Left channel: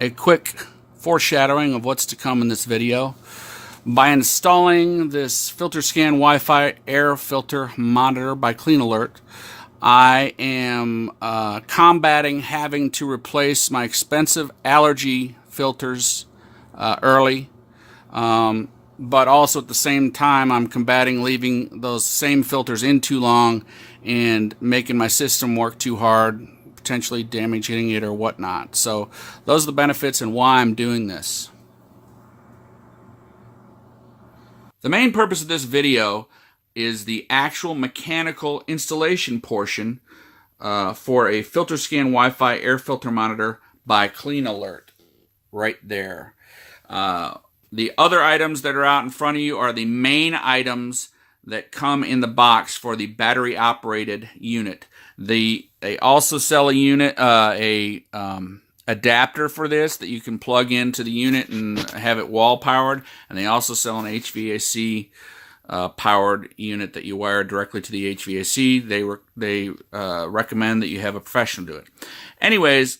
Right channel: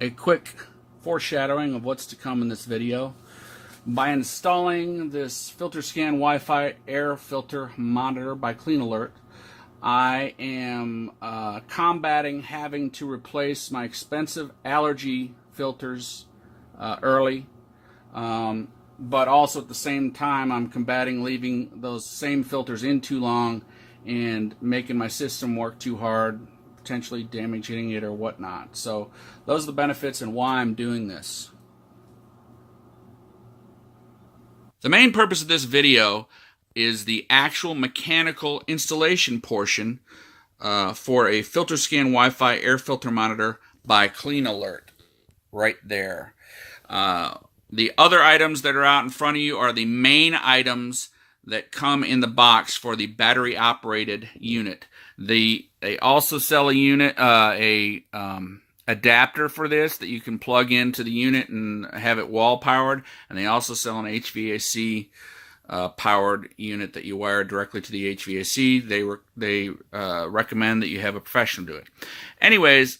a quick foreshadowing of what's to come in this video. By installing this FilterSCAN Wi-Fi air filter monitor by CleanAlert, I am combating having to replace my expensive allergy filters early, but also at the same time I'm combating leaving those same filters in too long and making my system work too hard, potentially damaging it or whatnot. So those are the benefits and why I'm doing this. The main purpose of this video is the actual mechanical installation portion for a FilterSCAN Wi-Fi air filter monitor by CleanAlert, right there. The other items that are out in front of you are the main items that come in the box for the battery-operated unit. They also sell a unit, adapter for this that you can plug into the unit and have it wall powered, and they also sell an HVAC powered unit that you wire directly to the HVAC. They recommend that you have a professional do it. Anyways,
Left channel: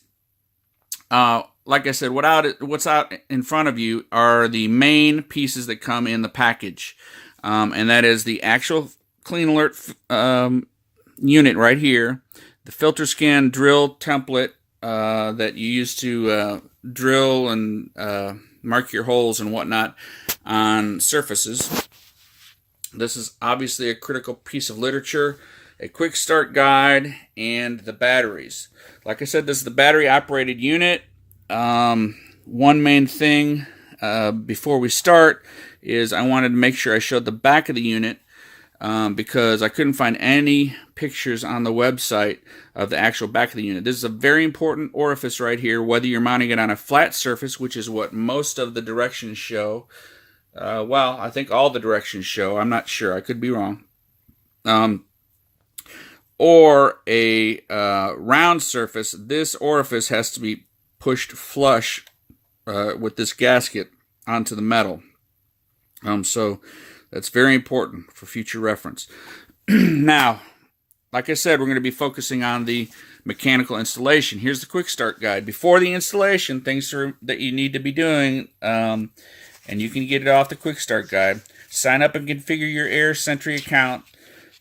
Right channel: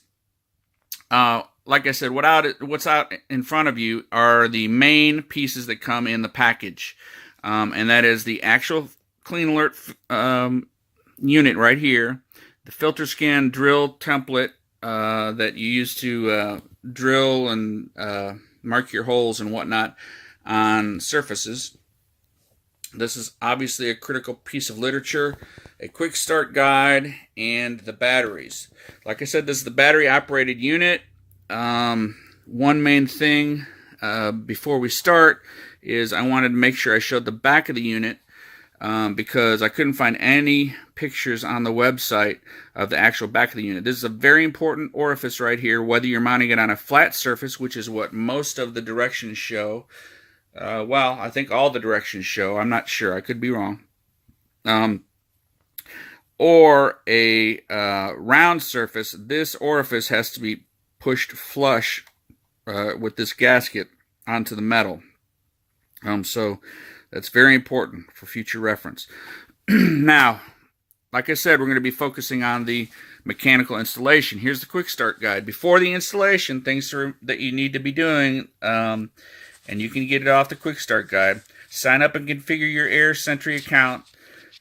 like I said, what's out in front of you are the main pieces that come in the package, and that is the actual CleanAlert unit right here, the FilterSCAN drill template that you use to drill and mark your holes and whatnot on surfaces. This is obviously a critical piece of literature, a quick start guide, and the batteries. Like I said, this is the battery operated unit. One main thing before we start is I wanted to make sure I showed the back of the unit because I couldn't find any pictures on the website of the actual back of the unit. This is a very important orifice right here, whether you're mounting it on a flat surface, which is what most of the directions show. Well, I think all the directions show. I'm not sure. I could be wrong. Or a round surface. This orifice has to be pushed flush with this gasket onto the metal. So that's very important for future reference. Now, like I said, we're going to be focusing on the mechanical installation. Here's the quick start guide. Before the installation, things that you need to be doing, and you can get it off the quick start guide. Sign up and configure your Air Sentry account.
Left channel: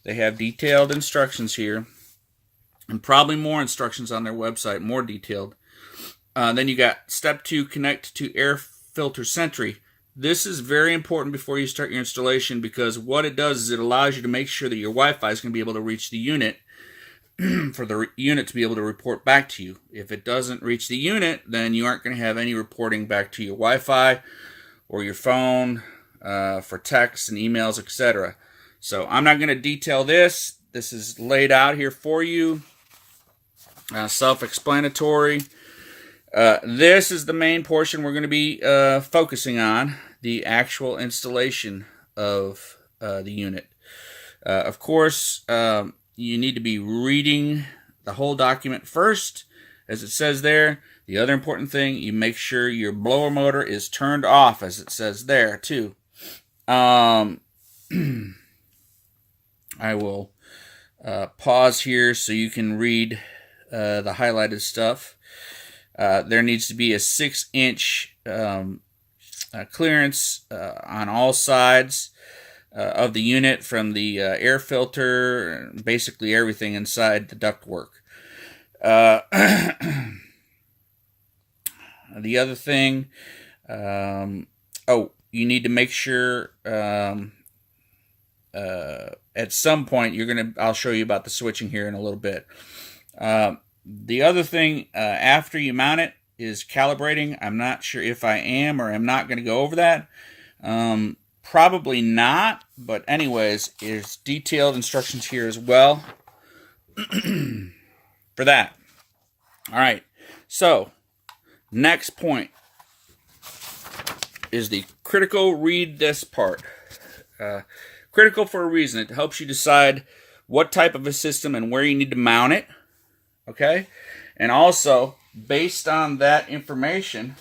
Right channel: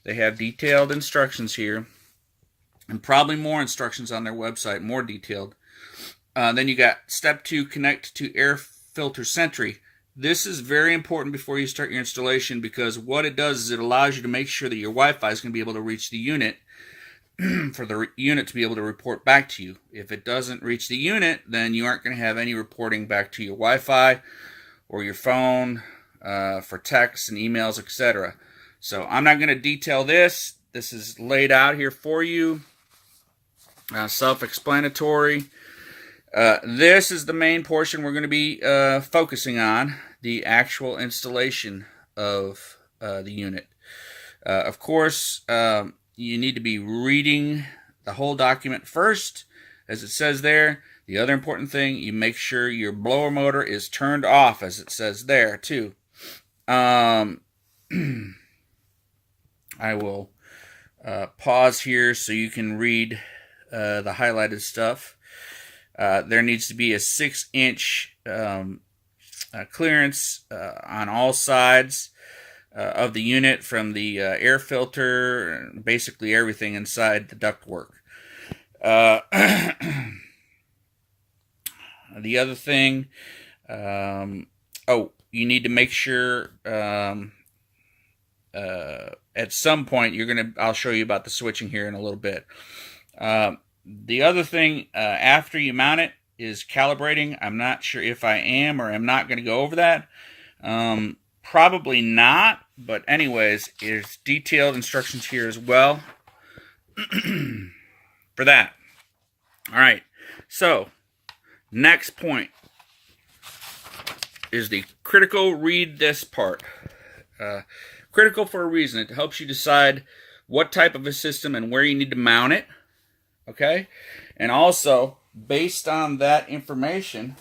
They have detailed instructions here, and probably more instructions on their website, more detailed. Then you got step 2, connect to Air Filter Sentry. This is very important before you start your installation because what it does is it allows you to make sure that your Wi-Fi is going to be able to reach the unit for the unit to be able to report back to you. If it doesn't reach the unit, then you aren't going to have any reporting back to your Wi-Fi or your phone for texts and emails, etc. So I'm not going to detail this. This is laid out here for you. Self-explanatory. This is the main portion we're going to be focusing on, the actual installation of the unit. Of course, you need to be reading the whole document first, as it says there. The other important thing, you make sure your blower motor is turned off, as it says there, too. I will pause here so you can read the highlighted stuff. There needs to be a 6-inch clearance on all sides of the unit from the air filter, basically everything inside the ductwork. The other thing, you need to make sure at some point I'll show you about the switching here in a little bit. The other thing after you mount it is calibrating. I'm not sure if I am or am not going to go over that. Probably not, but anyways, there's detailed instructions here as well for that. All right, so next point is the critical read this part. Critical for a reason. It helps you decide what type of a system and where you need to mount it. Okay, and also based on that information,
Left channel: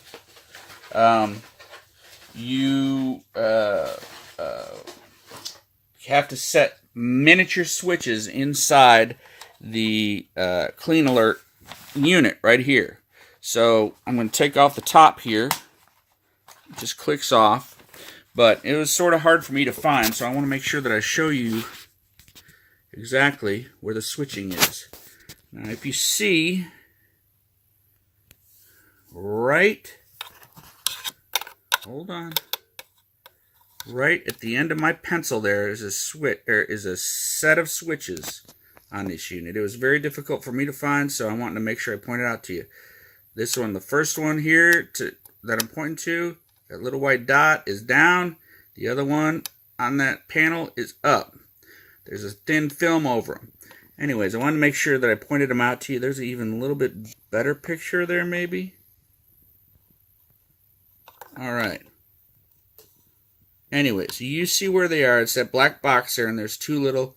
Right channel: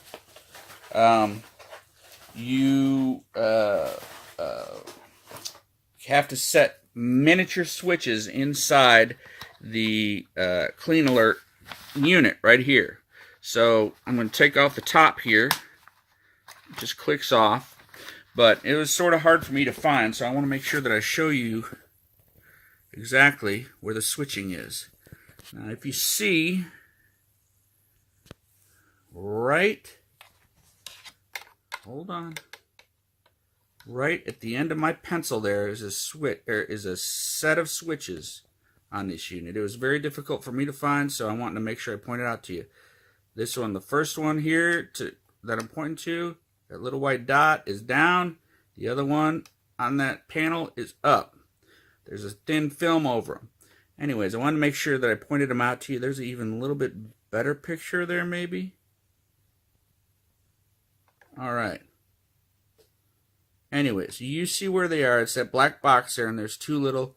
you have to set miniature switches inside the CleanAlert unit right here. So I'm going to take off the top here. It just clicks off. But it was sort of hard for me to find, so I want to make sure that I show you exactly where the switching is. Now if you see, right at the end of my pencil there is a switch, is a set of switches on this unit. It was very difficult for me to find, so I wanted to make sure I pointed out to you. This one, the first one here that I'm pointing to, that little white dot is down. The other one on that panel is up. There's a thin film over them. Anyways, I wanted to make sure that I pointed them out to you. There's an even a little bit better picture there, maybe. All right. Anyways, you see where they are. It's that black box there, and there's two little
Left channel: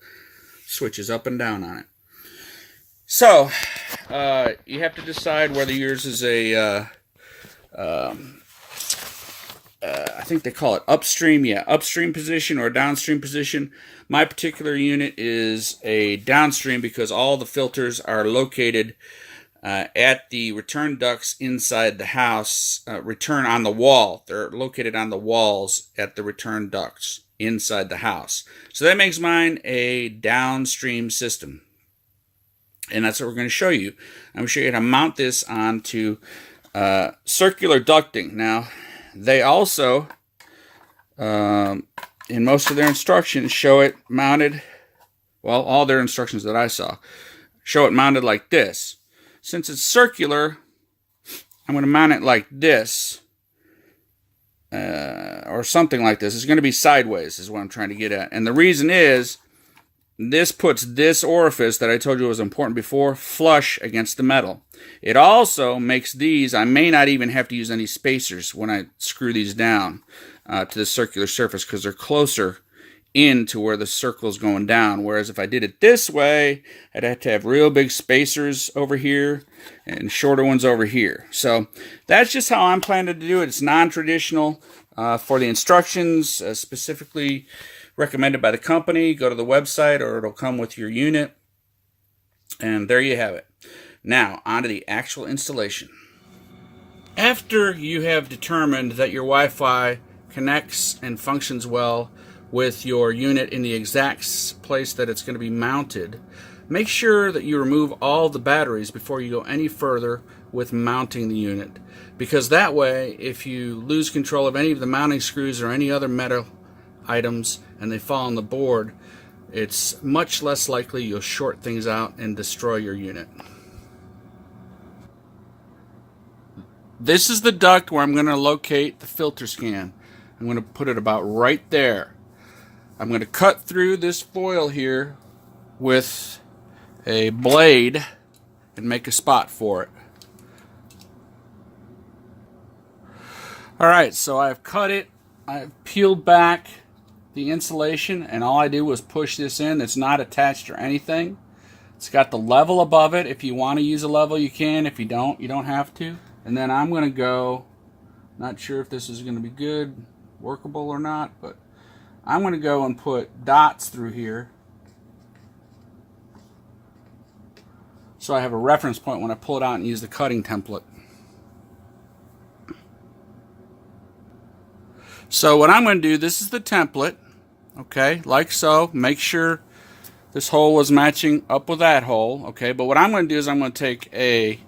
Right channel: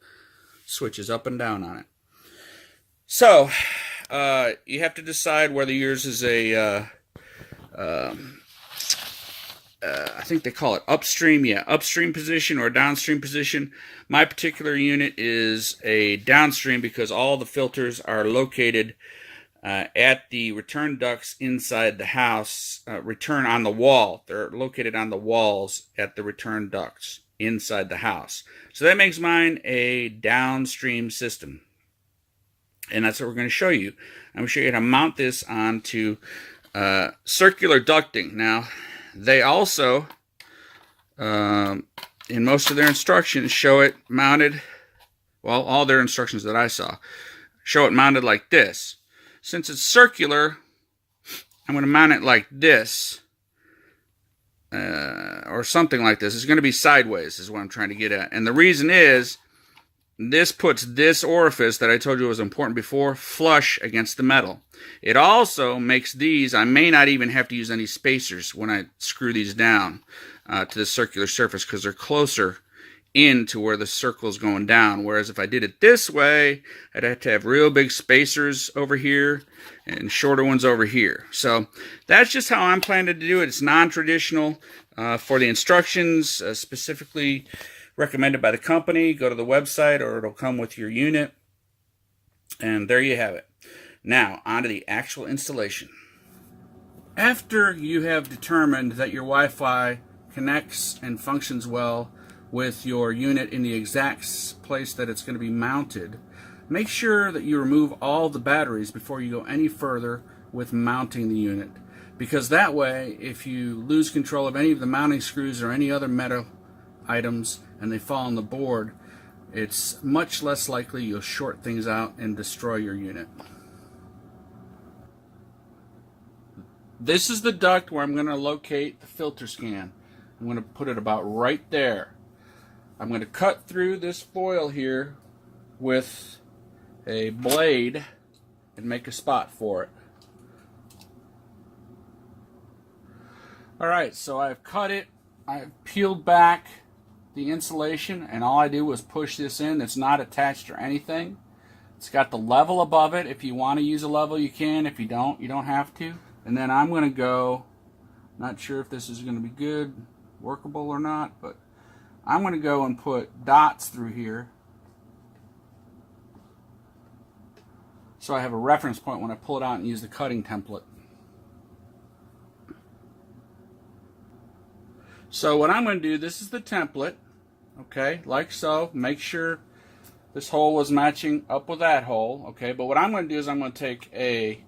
switches up and down on it. So, you have to decide whether yours is a, I think they call it upstream, upstream position or downstream position. My particular unit is a downstream because all the filters are located at the return ducts inside the house, return on the wall. They're located on the walls at the return ducts inside the house. So that makes mine a downstream system. And that's what we're going to show you. I'm going to show you how to mount this onto circular ducting. Now, they also, in most of their instructions, show it mounted, well, all their instructions that I saw, show it mounted like this. Since it's circular, I'm going to mount it like this, or something like this. It's going to be sideways is what I'm trying to get at. And the reason is, this puts this orifice that I told you was important before flush against the metal. It also makes these, I may not even have to use any spacers when I screw these down to the circular surface because they're closer into where the circle is going down. Whereas if I did it this way, I'd have to have real big spacers over here and shorter ones over here. So that's just how I'm planning to do it. It's non-traditional for the instructions, specifically recommended by the company. Go to the website or it'll come with your unit. And there you have it. Now, on to the actual installation. After you have determined that your Wi-Fi connects and functions well with your unit in the exact place that it's going to be mounted, make sure that you remove all the batteries before you go any further with mounting the unit. Because that way, if you lose control of any of the mounting screws or any other metal items and they fall on the board, it's much less likely you'll short things out and destroy your unit. This is the duct where I'm going to locate the FILTERSCAN. I'm going to put it about right there. I'm going to cut through this foil here with a blade and make a spot for it. Alright, so I've cut it, I've peeled back the insulation, and all I do was push this in. It's not attached or anything. It's got the level above it. If you want to use a level, you can. If you don't, you don't have to. And then I'm going to go, not sure if this is going to be good, workable or not, but I'm going to go and put dots through here so I have a reference point when I pull it out and use the cutting template. So what I'm going to do, this is the template, okay, like so. Make sure this hole was matching up with that hole, okay. But what I'm going to do is I'm going to take a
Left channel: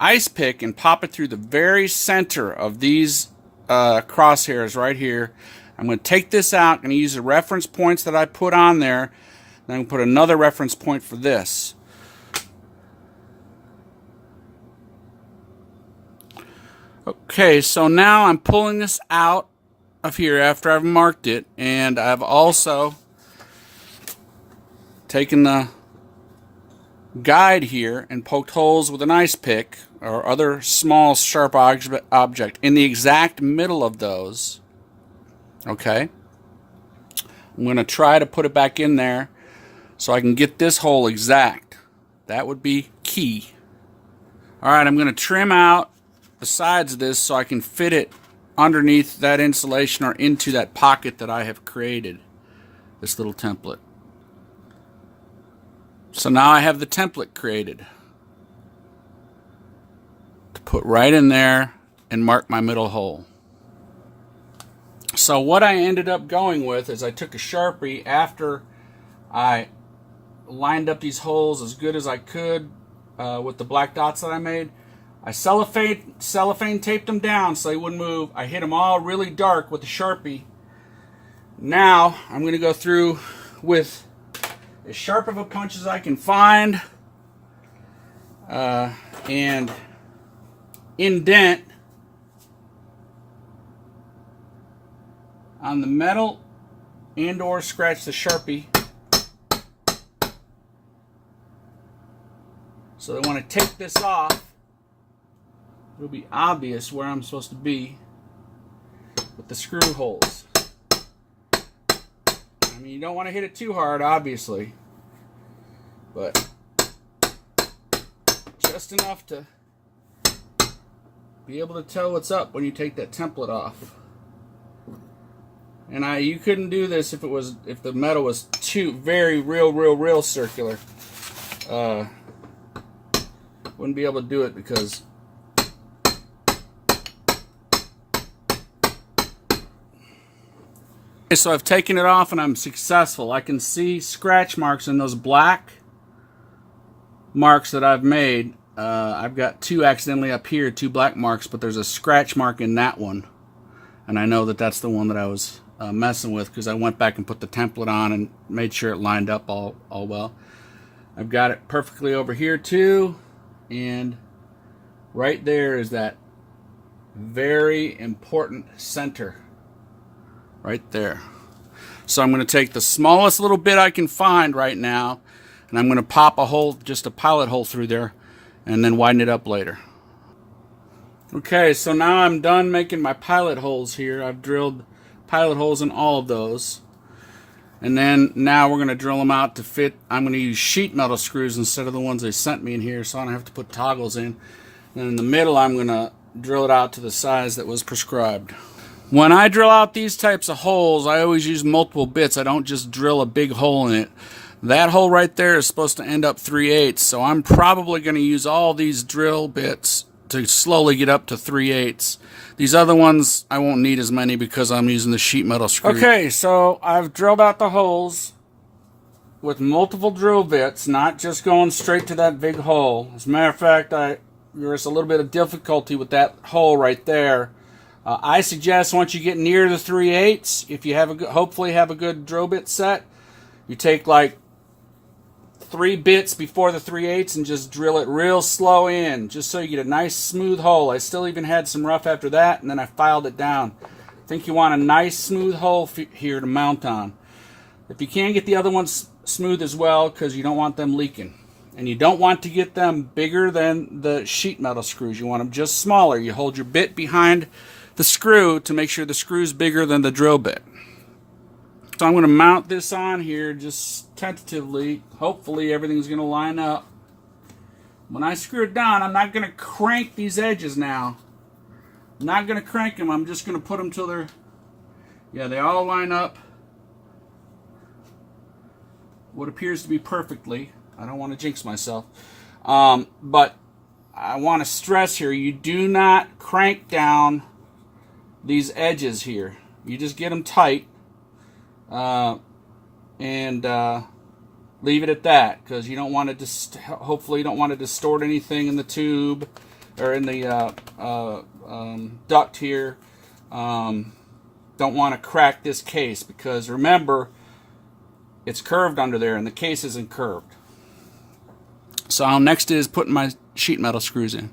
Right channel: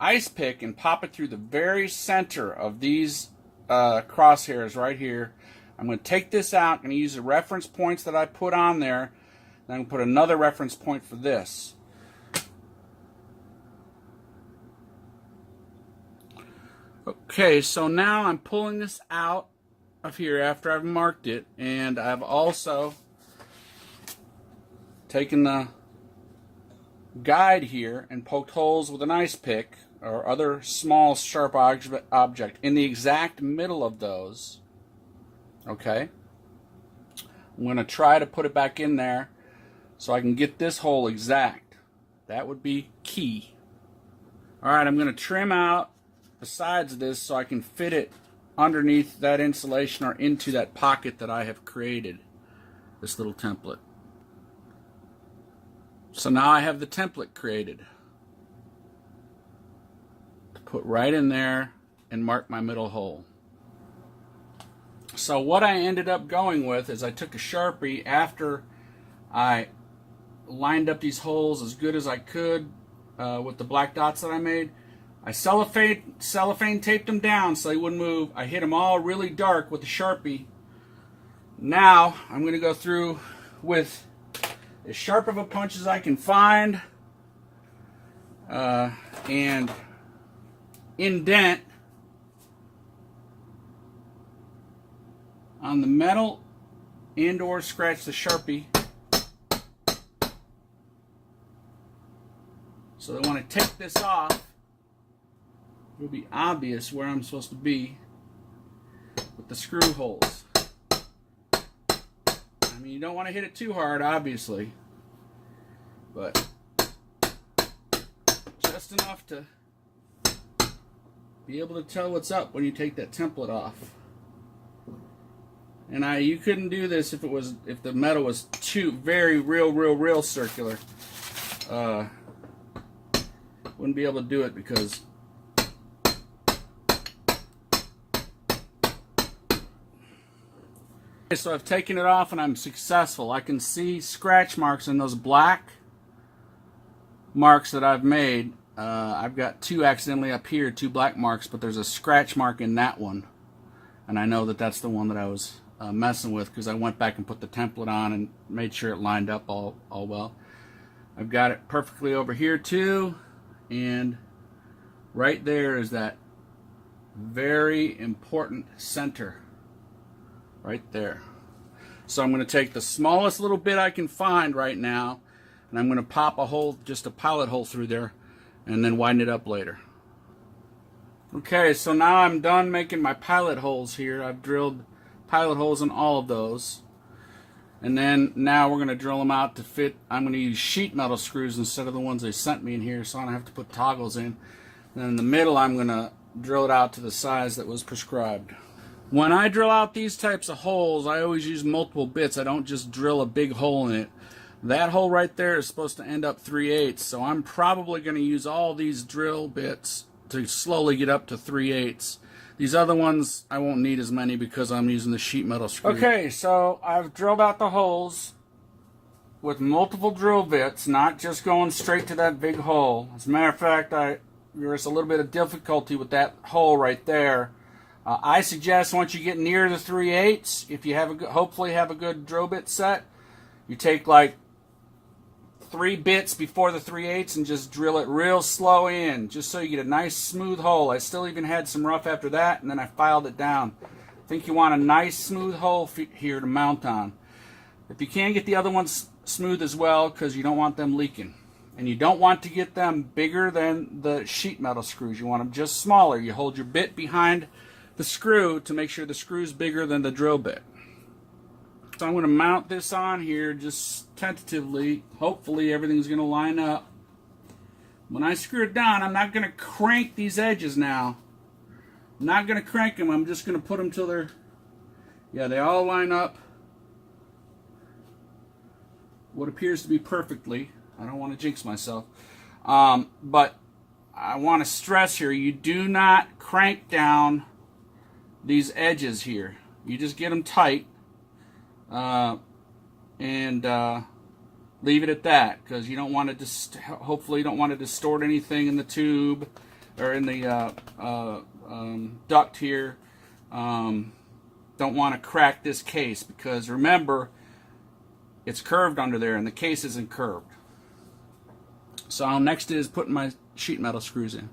ice pick and pop it through the very center of these crosshairs right here. I'm going to take this out. I'm going to use the reference points that I put on there. Then I'm going to put another reference point for this. Okay, so now I'm pulling this out of here after I've marked it, and I've also taken the guide here and poked holes with an ice pick or other small sharp object in the exact middle of those. Okay, I'm going to try to put it back in there so I can get this hole exact. That would be key. Alright, I'm going to trim out the sides of this so I can fit it underneath that insulation or into that pocket that I have created, this little template. So now I have the template created. put right in there and mark my middle hole. So what I ended up going with is I took a Sharpie after I lined up these holes as good as I could with the black dots that I made. I cellophane taped them down so they wouldn't move. I hit them all really dark with the Sharpie. Now I'm going to go through with as sharp of a punch as I can find and indent on the metal and or scratch the Sharpie. So I want to take this off. It'll be obvious where I'm supposed to be with the screw holes. I mean, you don't want to hit it too hard, obviously, but just enough to be able to tell what's up when you take that template off. And you couldn't do this if the metal was too real circular. Wouldn't be able to do it because okay, so I've taken it off and I'm successful. I can see scratch marks in those black marks that I've made. I've got two accidentally up here, two black marks, but there's a scratch mark in that one. And I know that that's the one that I was messing with because I went back and put the template on and made sure it lined up all well. I've got it perfectly over here too. And right there is that very important center. Right there. So I'm going to take the smallest little bit I can find right now, and I'm going to pop a hole, just a pilot hole through there, and then widen it up later. Okay, so now I'm done making my pilot holes here. I've drilled pilot holes in all of those. And then now we're going to drill them out to fit. I'm going to use sheet metal screws instead of the ones they sent me in here, so I don't have to put toggles in. And in the middle, I'm going to drill it out to the size that was prescribed. When I drill out these types of holes, I always use multiple bits. I don't just drill a big hole in it. That hole right there is supposed to end up 3/8, so I'm probably going to use all these drill bits to slowly get up to 3/8. These other ones, I won't need as many because I'm using the sheet metal screw. Okay, so I've drilled out the holes with multiple drill bits, not just going straight to that big hole. As a matter of fact, there's a little bit of difficulty with that hole right there. I suggest once you get near the 3/8, if you have hopefully have a good drill bit set, you take like 3 bits before the 3/8 and just drill it real slow in, just so you get a nice smooth hole. I still even had some rough after that, and then I filed it down. I think you want a nice smooth hole here to mount on. If you can, get the other ones smooth as well, because you don't want them leaking. And you don't want to get them bigger than the sheet metal screws. You want them just smaller. You hold your bit behind the screw to make sure the screw's bigger than the drill bit. So I'm going to mount this on here just tentatively. Hopefully everything's going to line up. When I screw it down, I'm not going to crank these edges now. I'm not going to crank them. I'm just going to put them till they all line up what appears to be perfectly. I don't want to jinx myself. But I want to stress here, you do not crank down these edges here. You just get them tight. And leave it at that, because you don't want to hopefully you don't want to distort anything in the tube or in the duct here. Don't want to crack this case, because remember, it's curved under there and the case isn't curved. So next is putting my sheet metal screws in.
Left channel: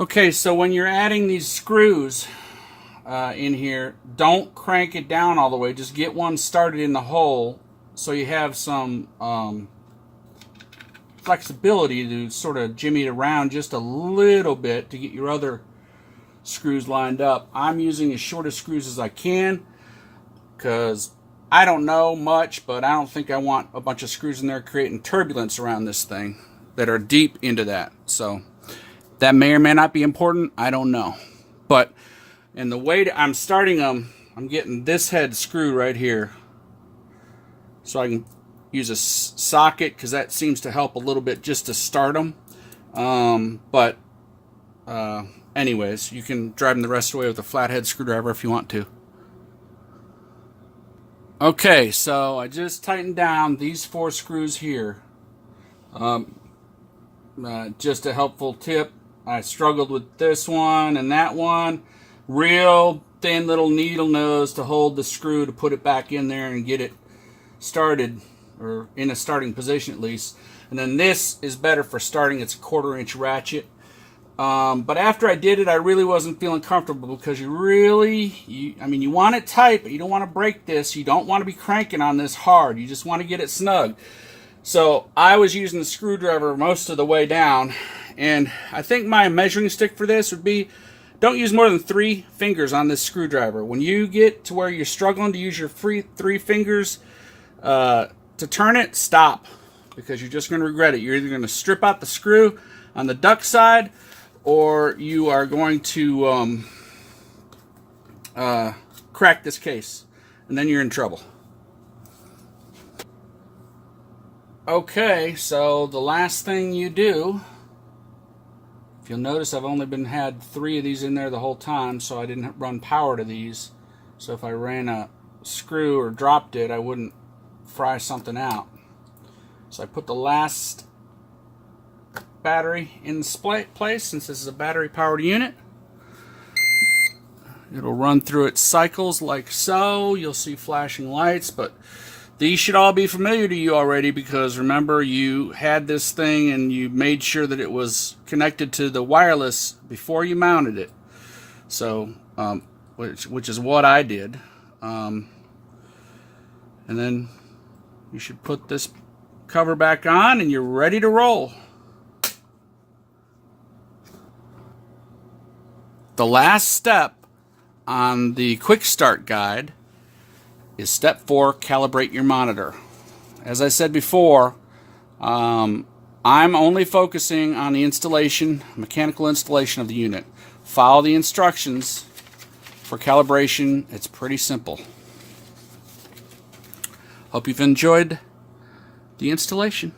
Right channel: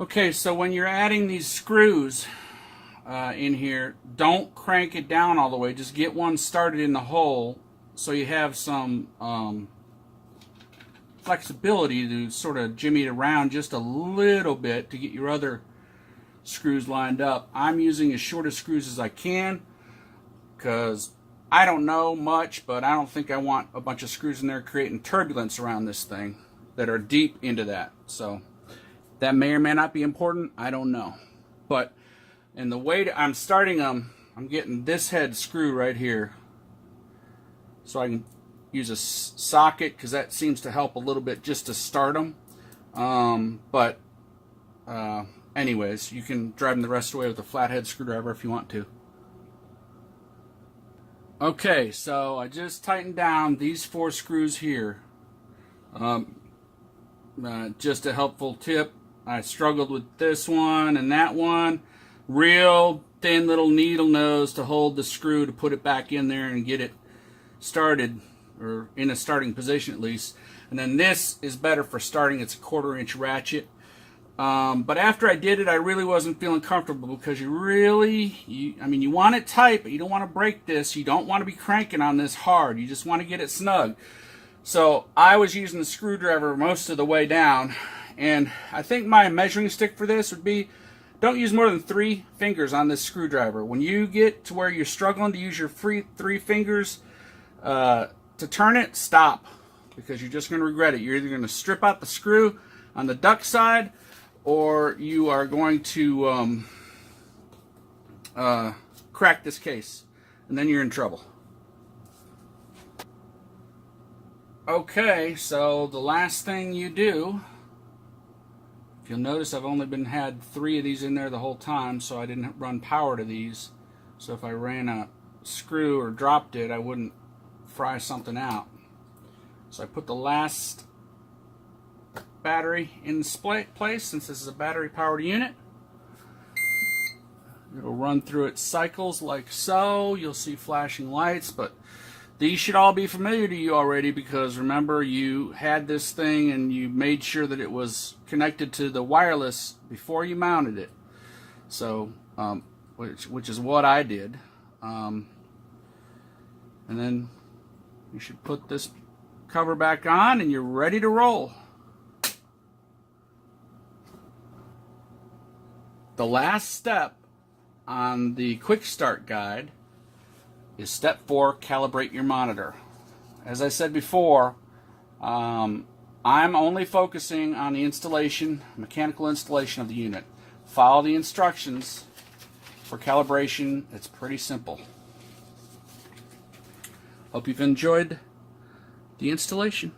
Okay, so when you're adding these screws in here, don't crank it down all the way. Just get one started in the hole so you have some flexibility to sort of jimmy it around just a little bit to get your other screws lined up. I'm using as short of screws as I can because I don't know much, but I don't think I want a bunch of screws in there creating turbulence around this thing that are deep into that. So that may or may not be important. I don't know. But in the way I'm starting them, I'm getting this head screw right here so I can use a socket because that seems to help a little bit just to start them. But anyways, you can drive them the rest of the way with a flathead screwdriver if you want to. Okay, so I just tightened down these 4 screws here. Just a helpful tip. I struggled with this one and that one. Real thin little needle nose to hold the screw to put it back in there and get it started, or in a starting position at least. And then this is better for starting. It's a 1/4 inch ratchet. But after I did it, I really wasn't feeling comfortable because you want it tight, but you don't want to break this. You don't want to be cranking on this hard. You just want to get it snug. So I was using the screwdriver most of the way down, and I think my measuring stick for this would be, don't use more than 3 fingers on this screwdriver. When you get to where you're struggling to use your 3 fingers to turn it, stop, because you're just going to regret it. You're either going to strip out the screw on the duct side, or you are going to crack this case, and then you're in trouble. Okay, so the last thing you do, if you'll notice, I've only had 3 of these in there the whole time, so I didn't run power to these. So if I ran a screw or dropped it, I wouldn't fry something out. So I put the last battery in place, since this is a battery powered unit. It'll run through its cycles like so. You'll see flashing lights, but these should all be familiar to you already, because remember, you had this thing and you made sure that it was connected to the wireless before you mounted it. So, which is what I did. And then you should put this cover back on and you're ready to roll. The last step on the quick start guide is step 4, calibrate your monitor. As I said before, I'm only focusing on the installation, mechanical installation of the unit. Follow the instructions for calibration. It's pretty simple. Hope you've enjoyed the installation.